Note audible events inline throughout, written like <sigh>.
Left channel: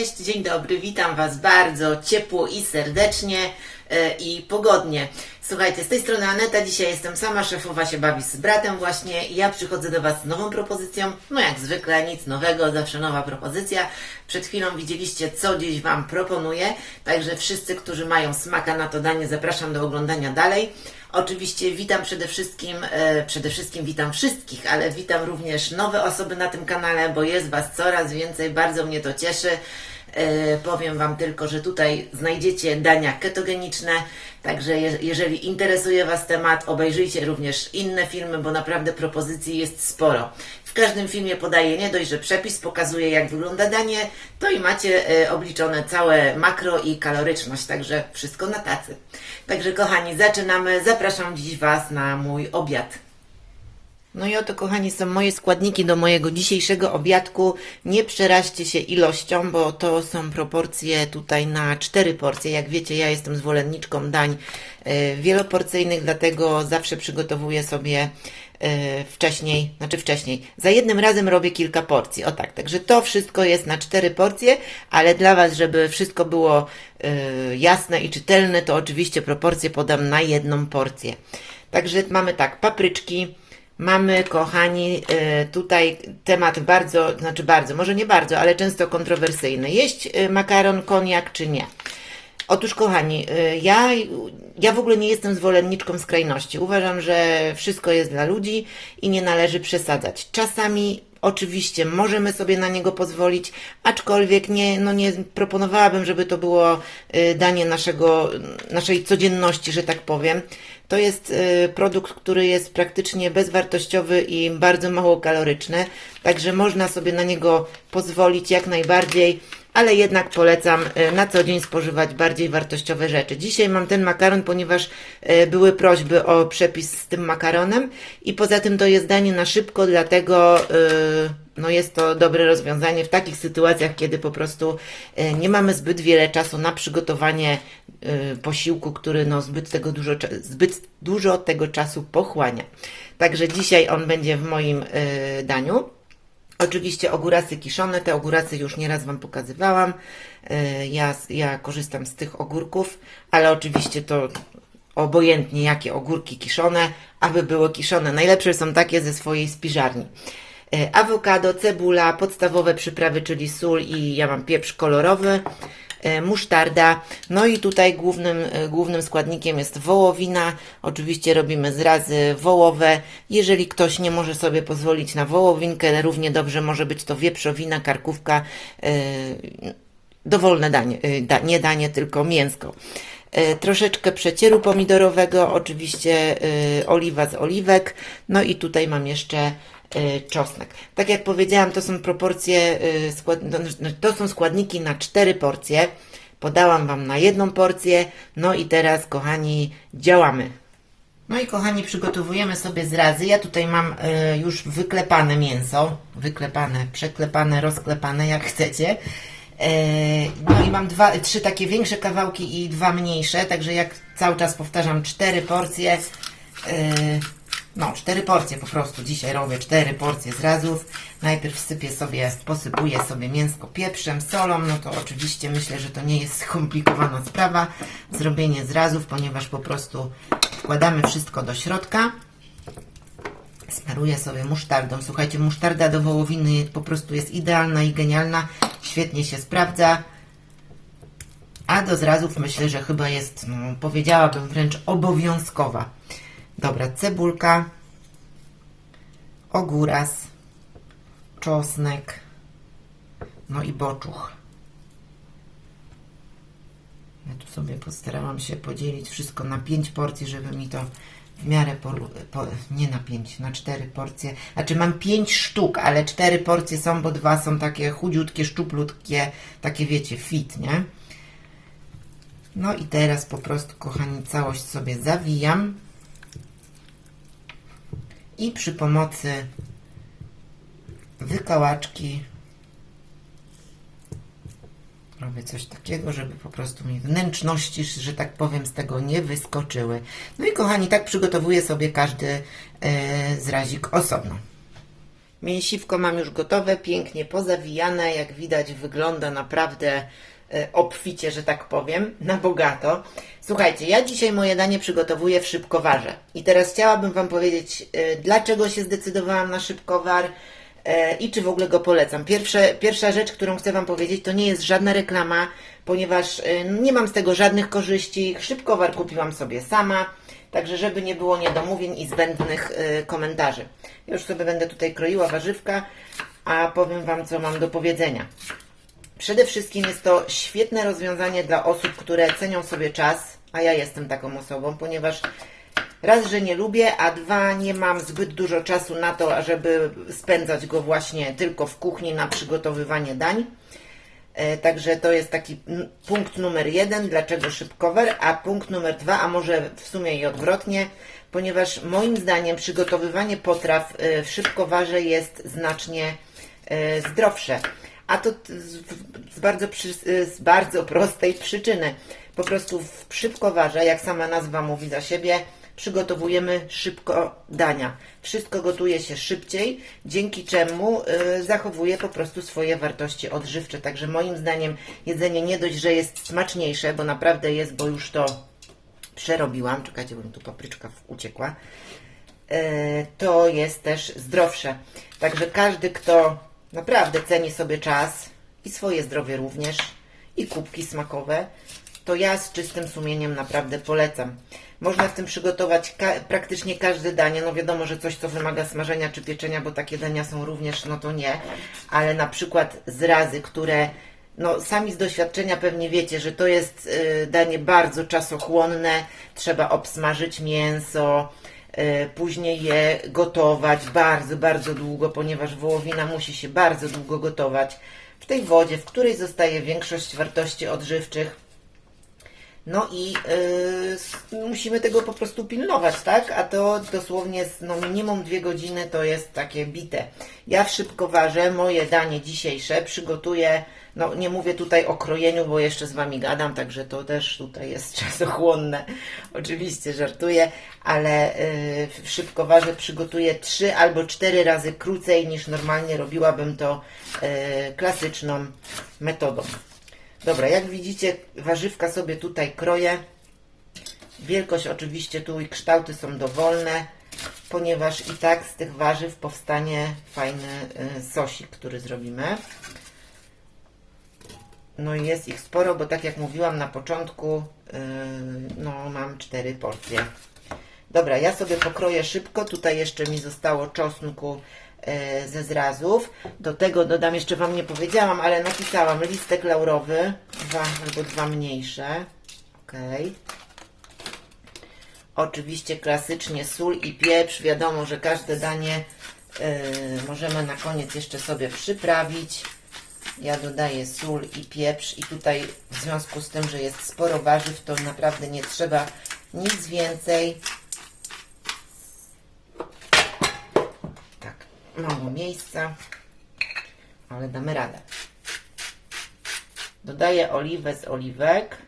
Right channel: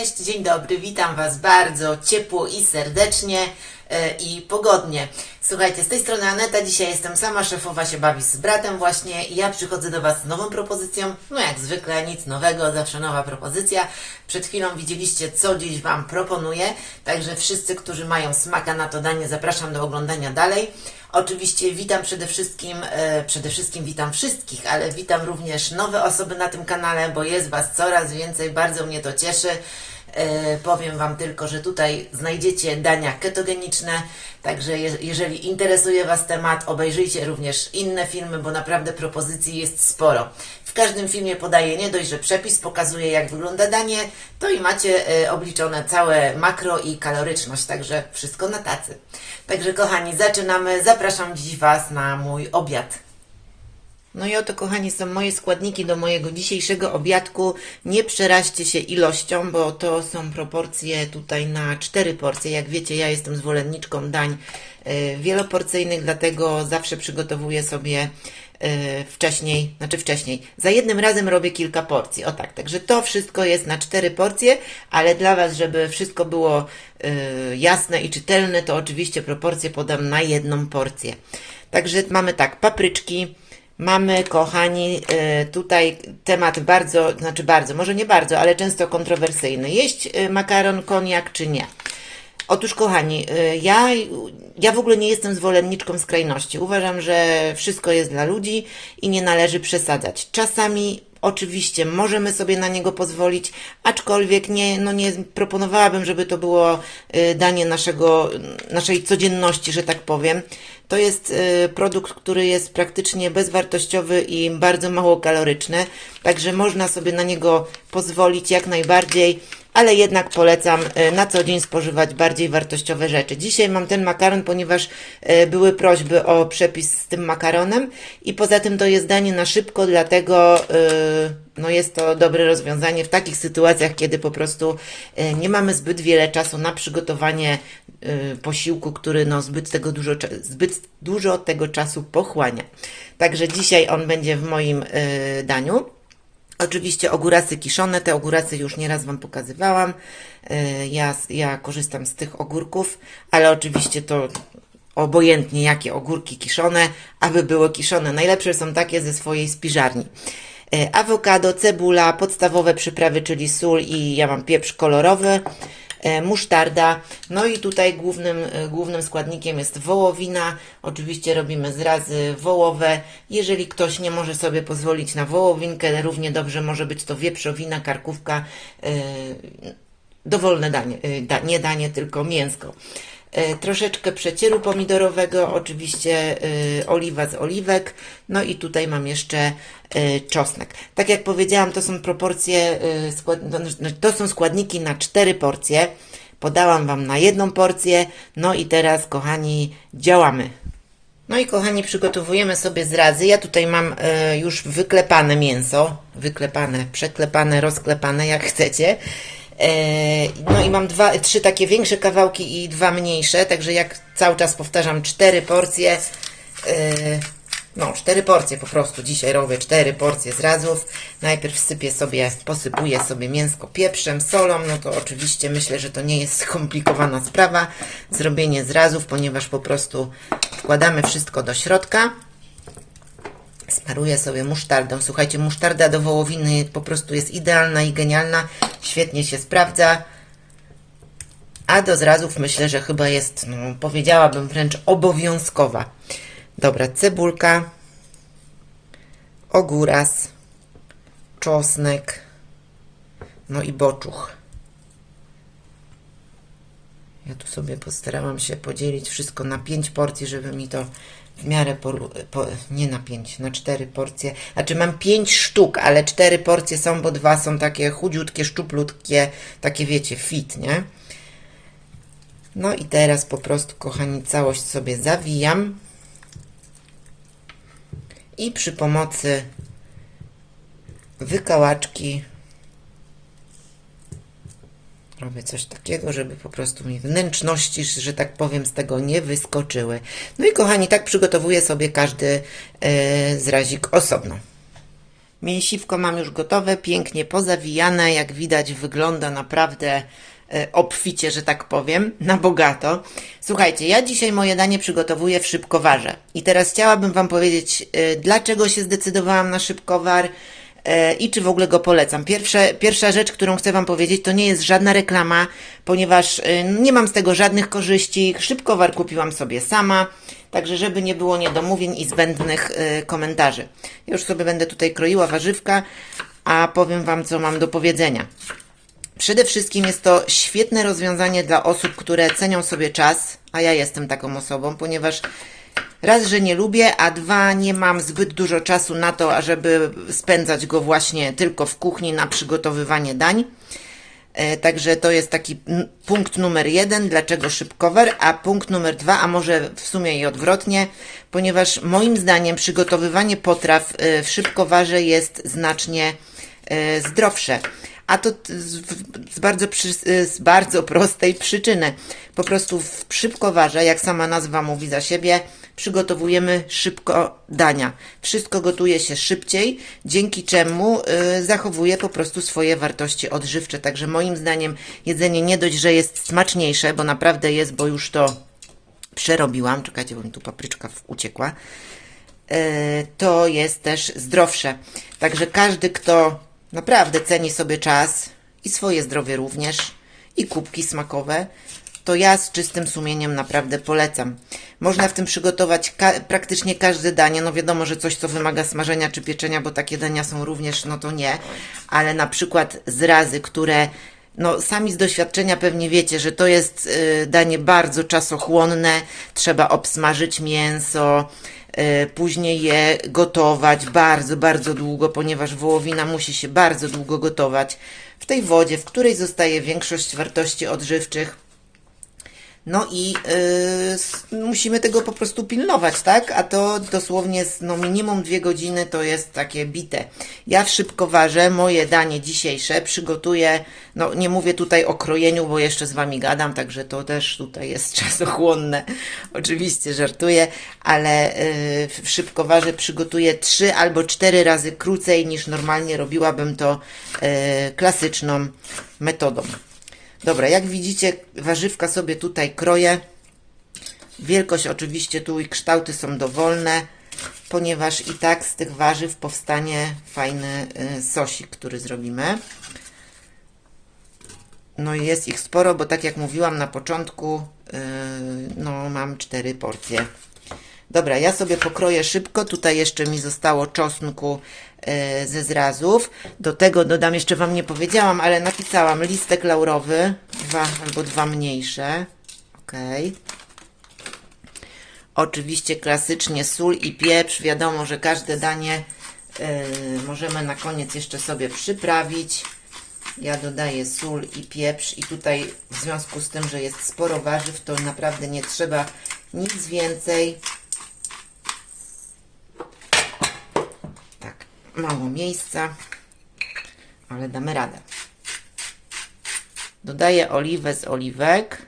Cześć, dzień dobry, witam Was bardzo ciepło i serdecznie e, i pogodnie. Słuchajcie, z tej strony Aneta, dzisiaj jestem sama, szefowa się bawi z bratem właśnie i ja przychodzę do Was z nową propozycją, no jak zwykle, nic nowego, zawsze nowa propozycja. Przed chwilą widzieliście, co dziś Wam proponuję, także wszyscy, którzy mają smaka na to danie, zapraszam do oglądania dalej. Oczywiście witam przede wszystkim, e, przede wszystkim witam wszystkich, ale witam również nowe osoby na tym kanale, bo jest Was coraz więcej, bardzo mnie to cieszy. E, powiem Wam tylko, że tutaj znajdziecie dania ketogeniczne, także je, jeżeli interesuje Was temat, obejrzyjcie również inne filmy, bo naprawdę propozycji jest sporo. W każdym filmie podaję nie dość, że przepis pokazuje jak wygląda danie, to i macie e, obliczone całe makro i kaloryczność, także wszystko na tacy. Także kochani, zaczynamy. Zapraszam dziś Was na mój obiad. No i oto, kochani, są moje składniki do mojego dzisiejszego obiadku. Nie przeraźcie się ilością, bo to są proporcje tutaj na cztery porcje. Jak wiecie, ja jestem zwolenniczką dań y, wieloporcyjnych, dlatego zawsze przygotowuję sobie y, wcześniej, znaczy wcześniej, za jednym razem robię kilka porcji. O tak, także to wszystko jest na cztery porcje, ale dla Was, żeby wszystko było y, jasne i czytelne, to oczywiście proporcje podam na jedną porcję. Także mamy tak, papryczki, Mamy, kochani, y, tutaj temat bardzo, znaczy bardzo, może nie bardzo, ale często kontrowersyjny. Jeść y, makaron, koniak czy nie? Otóż, kochani, y, ja, ja w ogóle nie jestem zwolenniczką skrajności. Uważam, że wszystko jest dla ludzi i nie należy przesadzać. Czasami Oczywiście możemy sobie na niego pozwolić, aczkolwiek nie, no nie proponowałabym, żeby to było danie naszego, naszej codzienności, że tak powiem. To jest y, produkt, który jest praktycznie bezwartościowy i bardzo mało kaloryczny, także można sobie na niego pozwolić jak najbardziej ale jednak polecam e, na co dzień spożywać bardziej wartościowe rzeczy. Dzisiaj mam ten makaron, ponieważ e, były prośby o przepis z tym makaronem i poza tym to jest danie na szybko, dlatego e, no jest to dobre rozwiązanie w takich sytuacjach, kiedy po prostu nie mamy zbyt wiele czasu na przygotowanie posiłku, który no zbyt, tego dużo, zbyt dużo tego czasu pochłania. Także dzisiaj on będzie w moim daniu. Oczywiście ogórasy kiszone, te ogórasy już nieraz Wam pokazywałam. E, ja, ja korzystam z tych ogórków, ale oczywiście to obojętnie jakie ogórki kiszone, aby były kiszone. Najlepsze są takie ze swojej spiżarni. E, awokado, cebula, podstawowe przyprawy, czyli sól i ja mam pieprz kolorowy. E, musztarda. No i tutaj głównym, e, głównym składnikiem jest wołowina. Oczywiście robimy zrazy wołowe. Jeżeli ktoś nie może sobie pozwolić na wołowinkę, równie dobrze może być to wieprzowina, karkówka, e, dowolne danie, nie danie, tylko mięsko troszeczkę przecieru pomidorowego, oczywiście oliwa z oliwek, no i tutaj mam jeszcze czosnek. Tak jak powiedziałam, to są proporcje, no, no, to są składniki na cztery porcje. Podałam Wam na jedną porcję, no i teraz, kochani, działamy. No i kochani, przygotowujemy sobie zrazy. Ja tutaj mam e, już wyklepane mięso, wyklepane, przeklepane, rozklepane, jak chcecie. E, no i mam dwa, trzy takie większe kawałki i dwa mniejsze, także jak cały czas powtarzam, cztery porcje. E, no, cztery porcje po prostu. Dzisiaj robię cztery porcje zrazów. Najpierw sypię sobie, posypuję sobie mięsko pieprzem, solą. No to oczywiście myślę, że to nie jest skomplikowana sprawa. Zrobienie zrazów, ponieważ po prostu wkładamy wszystko do środka. Smaruję sobie musztardą. Słuchajcie, musztarda do wołowiny po prostu jest idealna i genialna. Świetnie się sprawdza. A do zrazów myślę, że chyba jest, no, powiedziałabym wręcz obowiązkowa. Dobra, cebulka, ogóras, czosnek, no i boczuch. Ja tu sobie postarałam się podzielić wszystko na 5 porcji, żeby mi to w miarę, po, po, nie na 5, na 4 porcje. Znaczy mam 5 sztuk, ale 4 porcje są, bo dwa są takie chudziutkie, szczuplutkie, takie wiecie, fit, nie? No i teraz po prostu, kochani, całość sobie zawijam i przy pomocy wykałaczki Robię coś takiego, żeby po prostu mi wnętrzności, że tak powiem, z tego nie wyskoczyły. No i kochani, tak przygotowuję sobie każdy e, zrazik osobno. Mięsiwko mam już gotowe, pięknie pozawijane. Jak widać, wygląda naprawdę e, obficie, że tak powiem, na bogato. Słuchajcie, ja dzisiaj moje danie przygotowuję w szybkowarze. I teraz chciałabym Wam powiedzieć, e, dlaczego się zdecydowałam na szybkowar i czy w ogóle go polecam. Pierwsza, pierwsza rzecz, którą chcę Wam powiedzieć, to nie jest żadna reklama, ponieważ e, nie mam z tego żadnych korzyści. Szybkowar kupiłam sobie sama. Także, żeby nie było niedomówień i zbędnych y, komentarzy. Już sobie będę tutaj kroiła warzywka, a powiem Wam, co mam do powiedzenia. Przede wszystkim jest to świetne rozwiązanie dla osób, które cenią sobie czas, a ja jestem taką osobą, ponieważ raz, że nie lubię, a dwa, nie mam zbyt dużo czasu na to, ażeby spędzać go właśnie tylko w kuchni na przygotowywanie dań. E, Także to jest taki punkt numer jeden, dlaczego szybkowar, a punkt numer dwa, a może w sumie i odwrotnie, ponieważ moim zdaniem przygotowywanie potraw e, w szybkowarze jest znacznie e, zdrowsze. A to z, bardzo z bardzo prostej przyczyny. Po prostu w szybkowarze, jak sama nazwa mówi za siebie, przygotowujemy szybko dania. Wszystko gotuje się szybciej, dzięki czemu y, zachowuje po prostu swoje wartości odżywcze. Także moim zdaniem jedzenie nie dość, że jest smaczniejsze, bo naprawdę jest, bo już to przerobiłam. Czekajcie, bo mi tu papryczka uciekła. E, to jest też zdrowsze. Także każdy, kto naprawdę ceni sobie czas i swoje zdrowie również, i kubki smakowe, to ja z czystym sumieniem naprawdę polecam. Można w tym przygotować ka- praktycznie każde danie. No wiadomo, że coś, co wymaga smażenia czy pieczenia, bo takie dania są również, no to nie. Ale na przykład zrazy, które no, sami z doświadczenia pewnie wiecie, że to jest y, danie bardzo czasochłonne. Trzeba obsmażyć mięso, y, później je gotować bardzo, bardzo długo, ponieważ wołowina musi się bardzo długo gotować w tej wodzie, w której zostaje większość wartości odżywczych. No i y, s- musimy tego po prostu pilnować, tak? A to dosłownie no, minimum dwie godziny to jest takie bite. Ja w szybkowarze moje danie dzisiejsze przygotuję, no nie mówię tutaj o krojeniu, bo jeszcze z Wami gadam, także to też tutaj jest <laughs> czasochłonne. Oczywiście żartuję, ale y, w szybkowarze przygotuję trzy albo cztery razy krócej niż normalnie robiłabym to y, klasyczną metodą. Dobra, jak widzicie, warzywka sobie tutaj kroję. Wielkość oczywiście tu i kształty są dowolne, ponieważ i tak z tych warzyw powstanie fajny y, sosik, który zrobimy. No i jest ich sporo, bo tak jak mówiłam na początku, yy, no mam cztery porcje. Dobra, ja sobie pokroję szybko. Tutaj jeszcze mi zostało czosnku ze zrazów. Do tego dodam, jeszcze Wam nie powiedziałam, ale napisałam listek laurowy, dwa albo dwa mniejsze. Ok. Oczywiście klasycznie sól i pieprz. Wiadomo, że każde danie yy, możemy na koniec jeszcze sobie przyprawić. Ja dodaję sól i pieprz i tutaj w związku z tym, że jest sporo warzyw, to naprawdę nie trzeba nic więcej. Mało miejsca, ale damy radę. Dodaję oliwę z oliwek.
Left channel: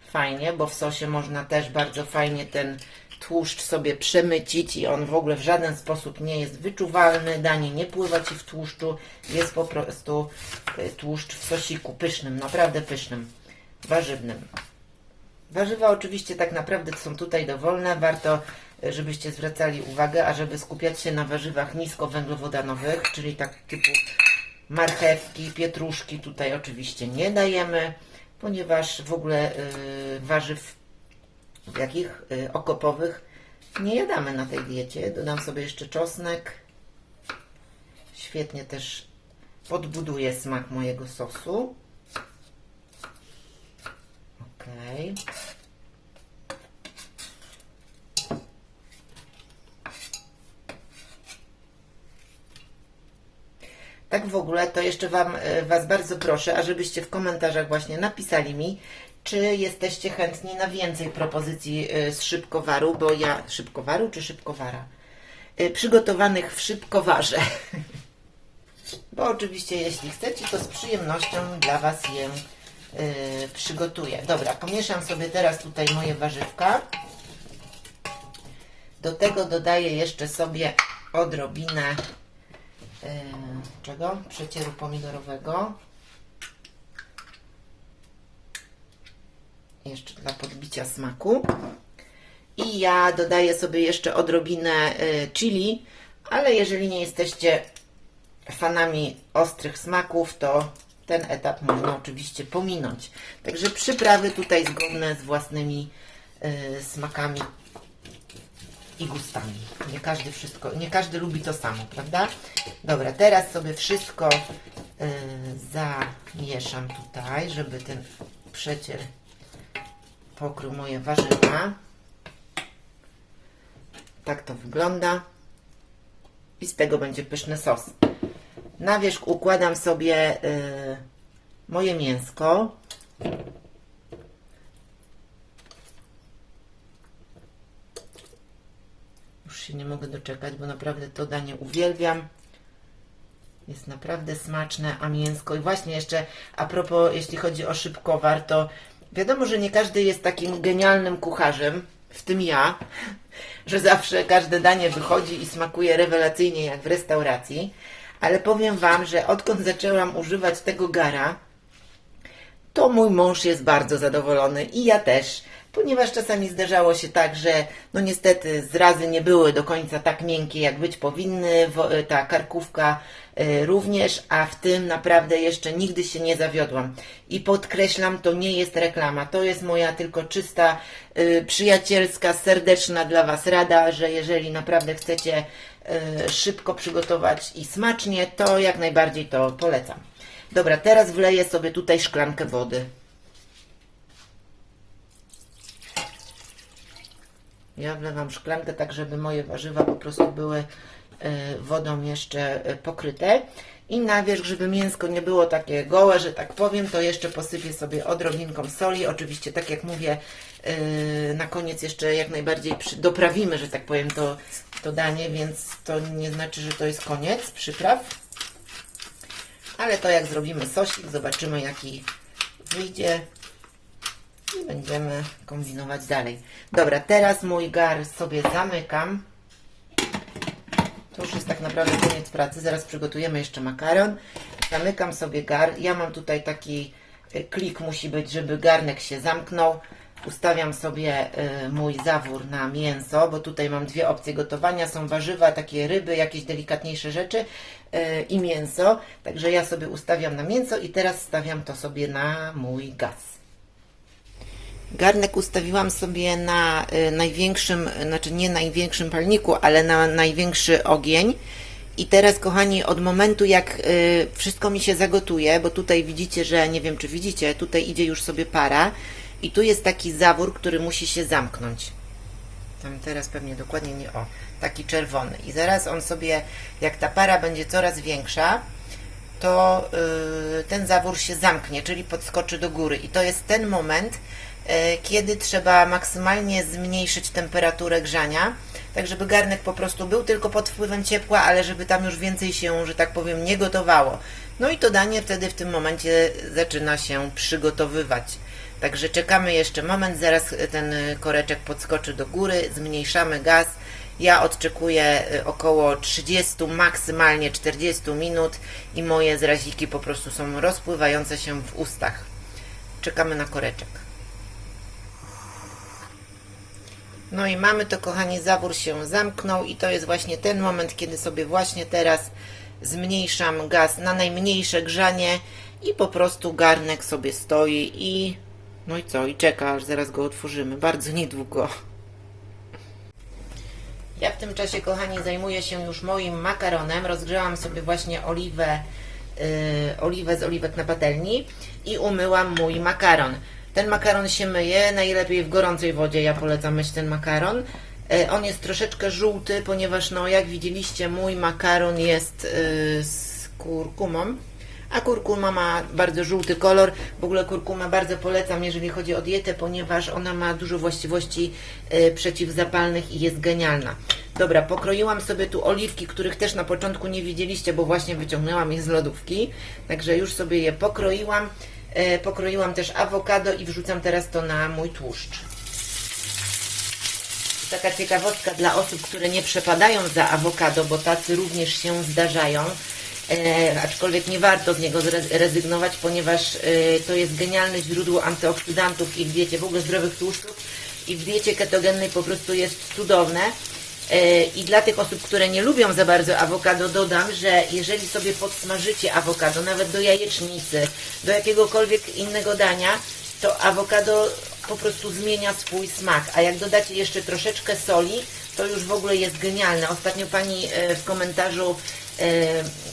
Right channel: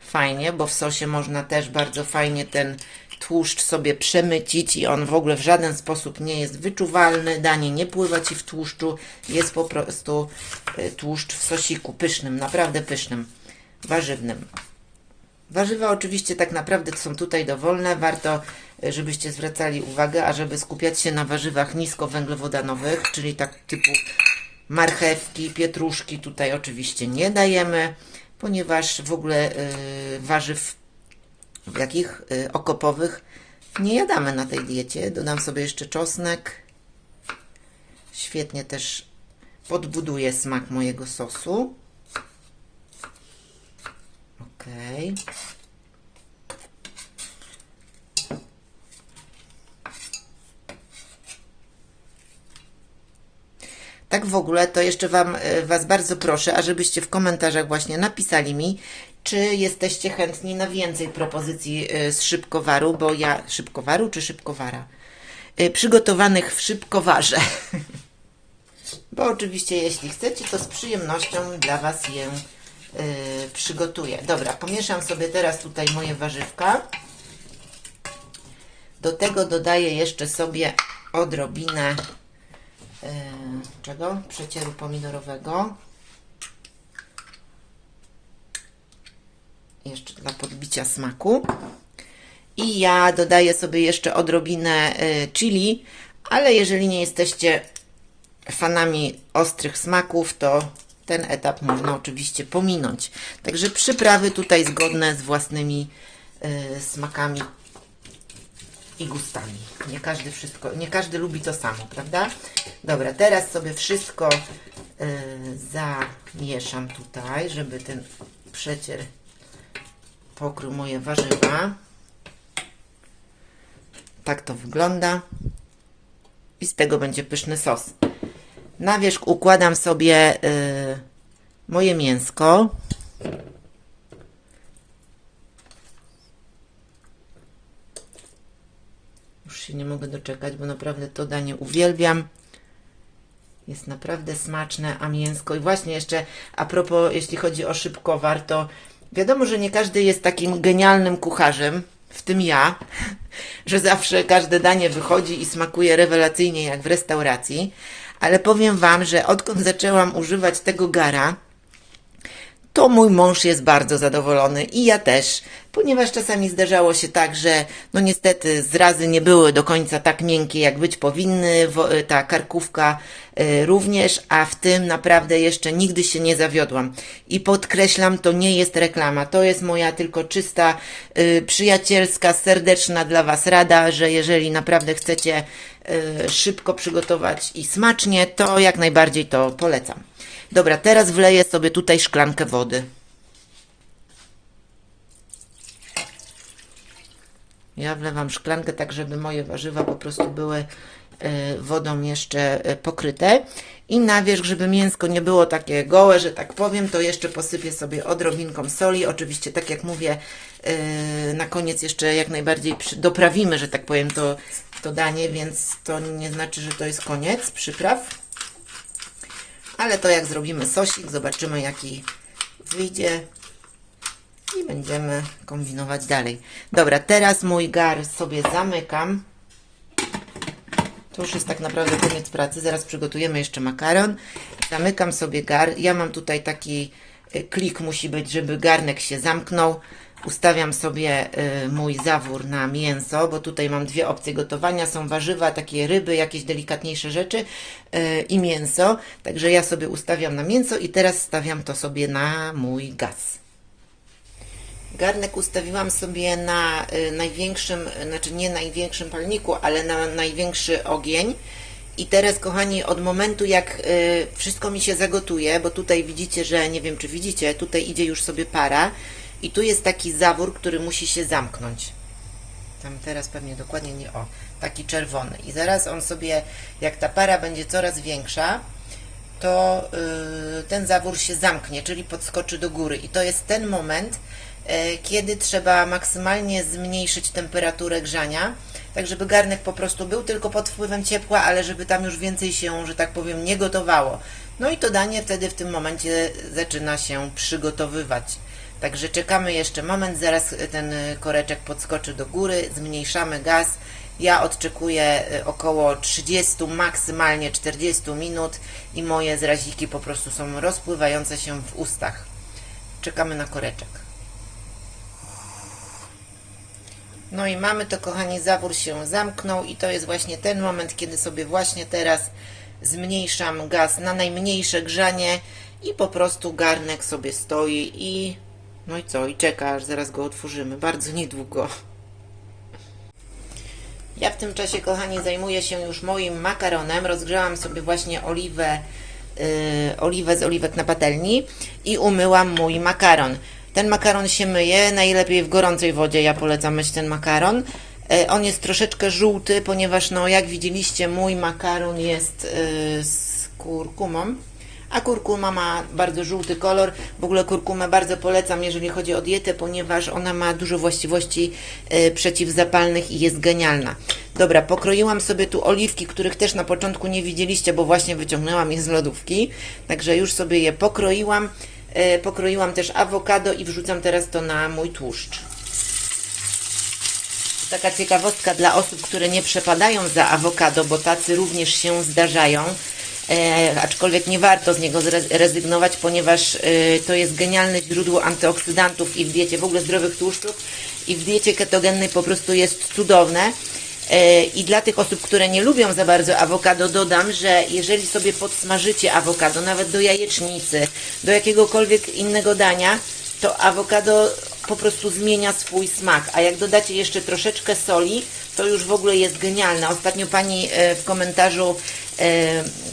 Fajnie, bo w sosie można też bardzo fajnie ten tłuszcz sobie przemycić i on w ogóle w żaden sposób nie jest wyczuwalny. Danie nie pływa Ci w tłuszczu, jest po prostu y, tłuszcz w sosiku pysznym, naprawdę pysznym, warzywnym. Warzywa oczywiście tak naprawdę są tutaj dowolne. Warto, żebyście zwracali uwagę, ażeby skupiać się na warzywach niskowęglowodanowych, czyli tak typu marchewki, pietruszki tutaj oczywiście nie dajemy, ponieważ w ogóle y, warzyw jakich y, okopowych nie jadamy na tej diecie. Dodam sobie jeszcze czosnek. Świetnie też podbuduje smak mojego sosu. Ok. Tak w ogóle, to jeszcze wam, e, Was bardzo proszę, ażebyście w komentarzach właśnie napisali mi, czy jesteście chętni na więcej propozycji e, z szybkowaru, bo ja... Szybkowaru czy szybkowara? E, Przygotowanych w szybkowarze. <laughs> bo oczywiście jeśli chcecie, to z przyjemnością dla Was je przygotuję. Dobra, pomieszam sobie teraz tutaj moje warzywka. Do tego dodaję jeszcze sobie odrobinę yy, czego? Przecieru pomidorowego. Jeszcze dla podbicia smaku. I ja dodaję sobie jeszcze odrobinę y, chili, ale jeżeli nie jesteście fanami ostrych smaków, to ten etap można oczywiście pominąć. Także przyprawy tutaj zgodne z własnymi y, smakami i gustami. Nie każdy wszystko, nie każdy lubi to samo, prawda? Dobra, teraz sobie wszystko y, zamieszam tutaj, żeby ten przecier pokrył moje warzywa. Tak to wygląda. I z tego będzie pyszny sos. Na wierzch układam sobie y, moje mięsko. Się nie mogę doczekać, bo naprawdę to danie uwielbiam. Jest naprawdę smaczne, a mięsko. I właśnie jeszcze a propos, jeśli chodzi o szybkowar, to wiadomo, że nie każdy jest takim genialnym kucharzem, w tym ja, <laughs> że zawsze każde danie wychodzi i smakuje rewelacyjnie jak w restauracji. Ale powiem Wam, że odkąd zaczęłam używać tego gara, to mój mąż jest bardzo zadowolony i ja też, ponieważ czasami zdarzało się tak, że no niestety zrazy nie były do końca tak miękkie, jak być powinny, wo- ta karkówka y, również, a w tym naprawdę jeszcze nigdy się nie zawiodłam. I podkreślam, to nie jest reklama, to jest moja tylko czysta, y, przyjacielska, serdeczna dla Was rada, że jeżeli naprawdę chcecie szybko przygotować i smacznie, to jak najbardziej to polecam. Dobra, teraz wleję sobie tutaj szklankę wody. Ja wlewam szklankę tak, żeby moje warzywa po prostu były e, wodą jeszcze e, pokryte. I na wierzch, żeby mięsko nie było takie gołe, że tak powiem, to jeszcze posypię sobie odrobinką soli. Oczywiście, tak jak mówię, e, na koniec jeszcze jak najbardziej doprawimy, że tak powiem, to, to danie, więc to nie znaczy, że to jest koniec przypraw. Ale to jak zrobimy sosik, zobaczymy jaki wyjdzie i będziemy kombinować dalej. Dobra, teraz mój gar sobie zamykam. To już jest tak naprawdę koniec pracy. Zaraz przygotujemy jeszcze makaron. Zamykam sobie gar. Ja mam tutaj taki y, klik musi być, żeby garnek się zamknął. Ustawiam sobie y, mój zawór na mięso, bo tutaj mam dwie opcje gotowania. Są warzywa, takie ryby, jakieś delikatniejsze rzeczy y, i mięso. Także ja sobie ustawiam na mięso i teraz stawiam to sobie na mój gaz. Garnek ustawiłam sobie na y, największym, znaczy nie największym palniku, ale na największy ogień. I teraz, kochani, od momentu jak wszystko mi się zagotuje, bo tutaj widzicie, że nie wiem, czy widzicie, tutaj idzie już sobie para i tu jest taki zawór, który musi się zamknąć. Tam teraz pewnie dokładnie nie, o, taki czerwony. I zaraz on sobie, jak ta para będzie coraz większa, to y, ten zawór się zamknie, czyli podskoczy do góry. I to jest ten moment, y, kiedy trzeba maksymalnie zmniejszyć temperaturę grzania, tak żeby garnek po prostu był tylko pod wpływem ciepła, ale żeby tam już więcej się, że tak powiem, nie gotowało. No i to danie wtedy w tym momencie zaczyna się przygotowywać. Także czekamy jeszcze moment, zaraz ten koreczek podskoczy do góry, zmniejszamy gaz. Ja odczekuję y, około 30, maksymalnie 40 minut i moje zraziki po prostu są rozpływające się w ustach. Czekamy na koreczek. No i mamy to, kochani, zawór się zamknął i to jest właśnie ten moment, kiedy sobie właśnie teraz zmniejszam gaz na najmniejsze grzanie i po prostu garnek sobie stoi i no i co, i czeka, aż zaraz go otworzymy. Bardzo niedługo. Ja w tym czasie, kochani, zajmuję się już moim makaronem. Rozgrzałam sobie właśnie oliwę, yy, oliwę z oliwek na patelni i umyłam mój makaron. Ten makaron się myje, najlepiej w gorącej wodzie. Ja polecam myć ten makaron. Yy, on jest troszeczkę żółty, ponieważ, no, jak widzieliście, mój makaron jest yy, z kurkumą. A kurkuma ma bardzo żółty kolor. W ogóle kurkumę bardzo polecam, jeżeli chodzi o dietę, ponieważ ona ma dużo właściwości e, przeciwzapalnych i jest genialna. Dobra, pokroiłam sobie tu oliwki, których też na początku nie widzieliście, bo właśnie wyciągnęłam je z lodówki. Także już sobie je pokroiłam. E, pokroiłam też awokado i wrzucam teraz to na mój tłuszcz. Taka ciekawostka dla osób, które nie przepadają za awokado, bo tacy również się zdarzają. E, aczkolwiek nie warto z niego rezygnować, ponieważ e, to jest genialne źródło antyoksydantów i w diecie w ogóle zdrowych tłuszczów i w diecie ketogennej po prostu jest cudowne. E, I dla tych osób, które nie lubią za bardzo awokado, dodam, że jeżeli sobie podsmażycie awokado, nawet do jajecznicy, do jakiegokolwiek innego dania, to awokado po prostu zmienia swój smak. A jak dodacie jeszcze troszeczkę soli, to już w ogóle jest genialne. Ostatnio pani e, w komentarzu e,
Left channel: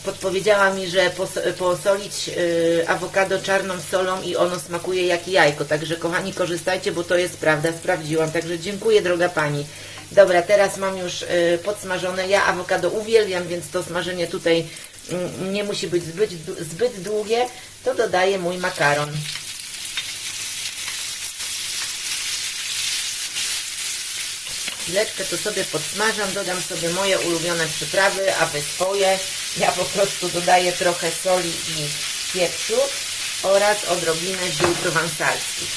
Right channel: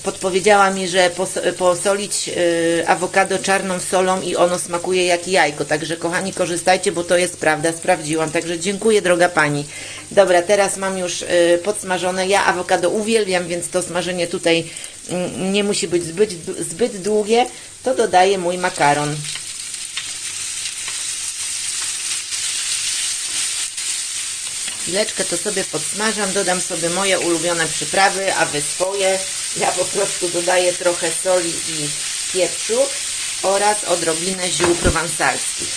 podpowiedziała mi, że pos- posolić e, awokado czarną solą i ono smakuje jak jajko. Także kochani, korzystajcie, bo to jest prawda, sprawdziłam. Także dziękuję, droga pani. Dobra, teraz mam już podsmażone. Ja awokado uwielbiam, więc to smażenie tutaj mm, nie musi być zbyt, zbyt długie. To dodaję mój makaron. Chwileczkę to sobie podsmażam, dodam sobie moje ulubione przyprawy, a wy swoje. Ja po prostu dodaję trochę soli i pieprzu oraz odrobinę ziół prowansalskich.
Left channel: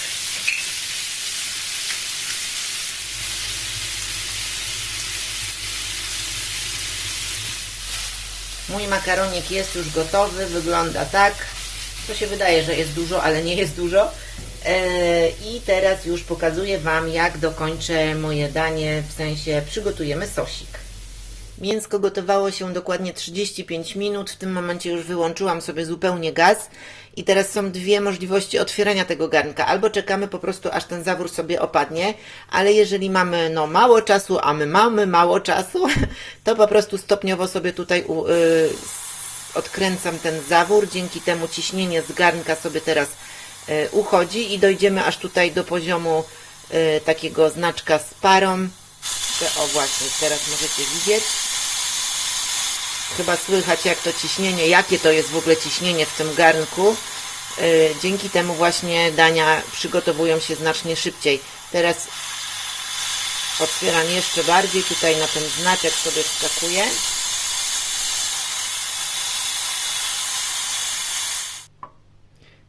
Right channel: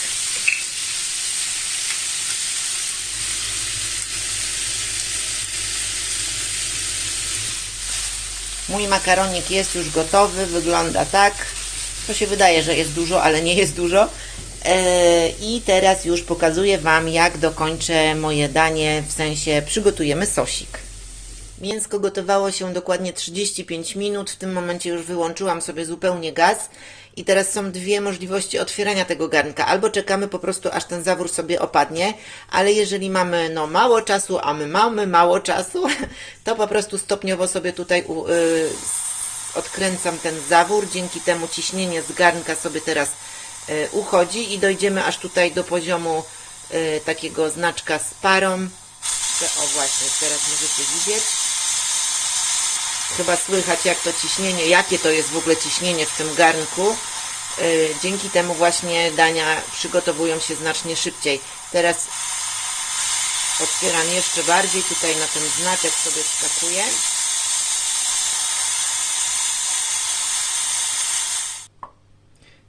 Mój makaronik jest już gotowy, wygląda tak. To się wydaje, że jest dużo, ale nie jest dużo. E, I teraz już pokazuję Wam, jak dokończę moje danie, w sensie przygotujemy sosik. Mięsko gotowało się dokładnie 35 minut. W tym momencie już wyłączyłam sobie zupełnie gaz. I teraz są dwie możliwości otwierania tego garnka. Albo czekamy po prostu, aż ten zawór sobie opadnie, ale jeżeli mamy no, mało czasu, a my mamy mało czasu, <laughs> to po prostu stopniowo sobie tutaj u, y, odkręcam ten zawór. Dzięki temu ciśnienie z garnka sobie teraz uchodzi i dojdziemy aż tutaj do poziomu y, takiego znaczka z parą. O właśnie, teraz możecie widzieć. Chyba słychać jak to ciśnienie, jakie to jest w ogóle ciśnienie w tym garnku. Yy, Dzięki temu właśnie dania przygotowują się znacznie szybciej. Teraz otwieram jeszcze bardziej, tutaj na ten znaczek sobie wskakuję.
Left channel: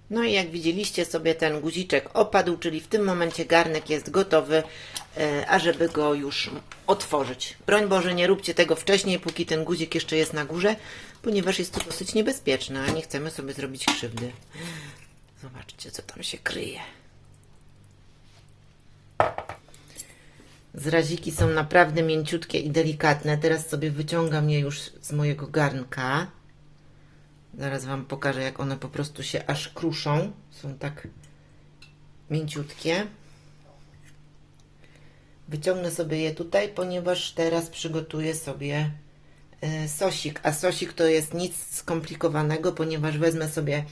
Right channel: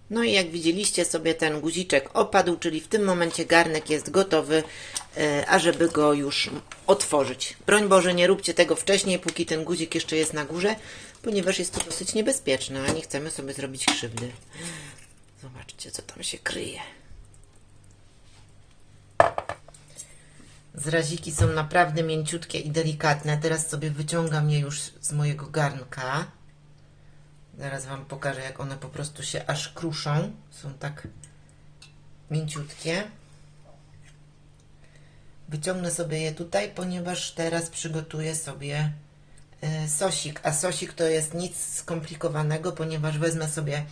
No i jak widzieliście sobie ten guziczek opadł, czyli w tym momencie garnek jest gotowy, e, ażeby go już otworzyć. Broń Boże, nie róbcie tego wcześniej, póki ten guzik jeszcze jest na górze, ponieważ jest to dosyć niebezpieczne, a nie chcemy sobie zrobić krzywdy. Zobaczcie, co tam się kryje. Zraziki są naprawdę mięciutkie i delikatne. Teraz sobie wyciągam je już z mojego garnka. Zaraz Wam pokażę, jak one po prostu się aż kruszą. Są tak mięciutkie. Wyciągnę sobie je tutaj, ponieważ teraz przygotuję sobie e, sosik. A sosik to jest nic skomplikowanego, ponieważ wezmę sobie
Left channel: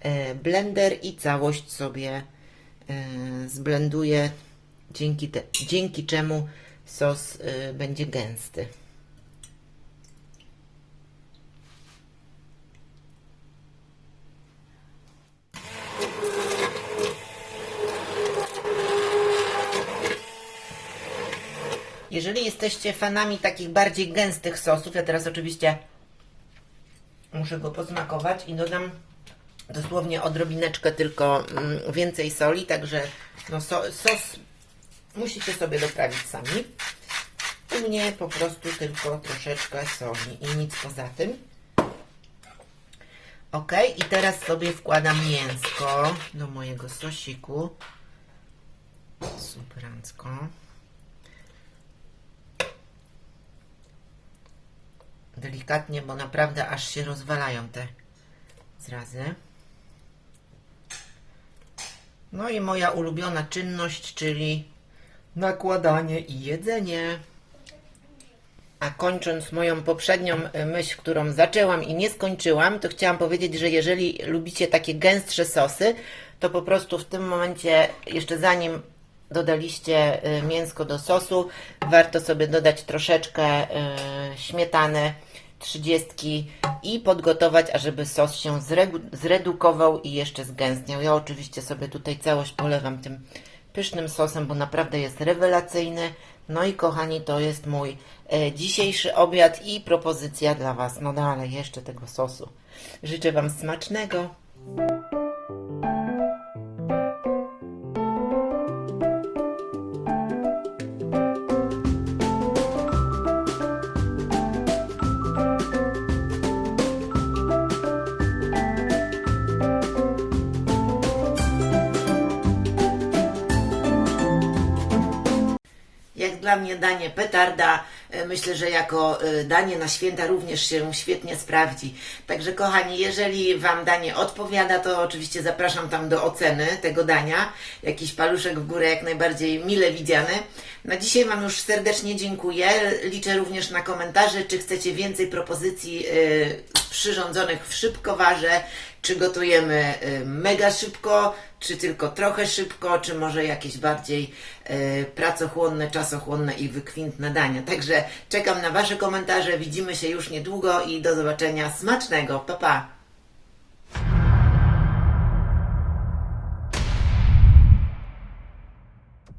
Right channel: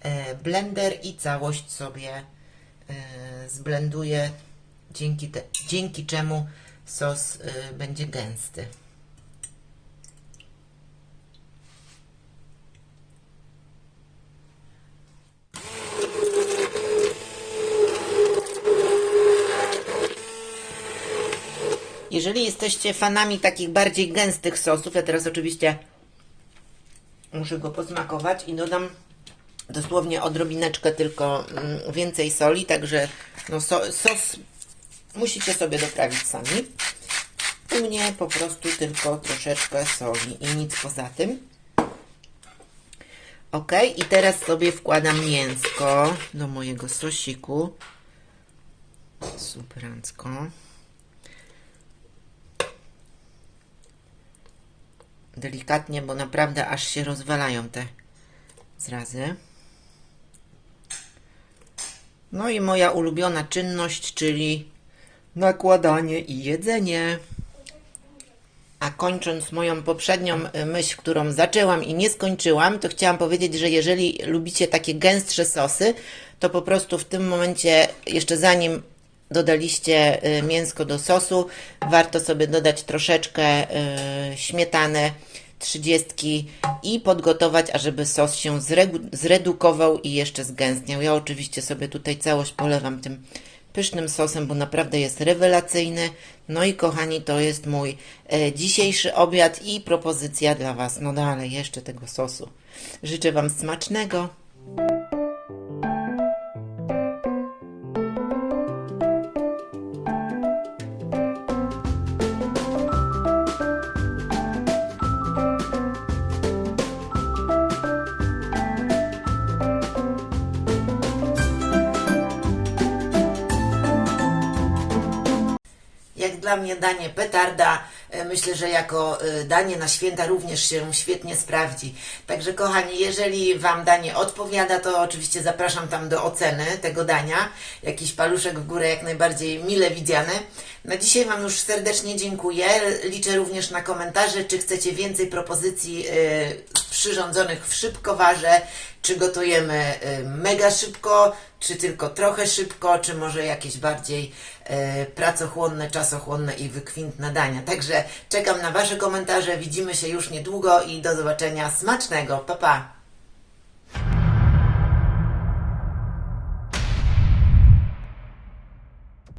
e, blender i całość sobie e, zblenduję, dzięki, te, dzięki czemu sos będzie gęsty. Jeżeli jesteście fanami takich bardziej gęstych sosów, ja teraz oczywiście muszę go posmakować i dodam dosłownie odrobineczkę tylko mm, więcej soli, także no so, sos musicie sobie doprawić sami. U mnie po prostu tylko troszeczkę soli i nic poza tym. Ok, i teraz sobie wkładam mięsko do mojego sosiku. Superancko. Delikatnie, bo naprawdę aż się rozwalają te zrazy. No i moja ulubiona czynność, czyli nakładanie i jedzenie. A kończąc moją poprzednią y, myśl, którą zaczęłam i nie skończyłam, to chciałam powiedzieć, że jeżeli lubicie takie gęstsze sosy, to po prostu w tym momencie, jeszcze zanim dodaliście y, mięsko do sosu, warto sobie dodać troszeczkę y, śmietany 30 i podgotować, ażeby sos się zredukował i jeszcze zgęstniał. Ja oczywiście sobie tutaj całość polewam tym pysznym sosem, bo naprawdę jest rewelacyjny. No i kochani, to jest mój e, dzisiejszy obiad i propozycja dla Was. No dalej, jeszcze tego sosu. Życzę Wam smacznego. Danie petarda, e, myślę, że jako e, danie na święta również się świetnie sprawdzi. Także kochani, jeżeli Wam danie odpowiada, to oczywiście zapraszam tam do oceny tego dania. Jakiś paluszek w górę jak najbardziej mile widziany. Na dzisiaj Wam już serdecznie dziękuję. Liczę również na komentarze, czy chcecie więcej propozycji e, przyrządzonych w szybkowarze, czy gotujemy y, mega szybko, czy tylko trochę szybko, czy może jakieś bardziej y, pracochłonne, czasochłonne i wykwintne dania. Także czekam na Wasze komentarze. Widzimy się już niedługo i do zobaczenia. Smacznego. Pa, pa.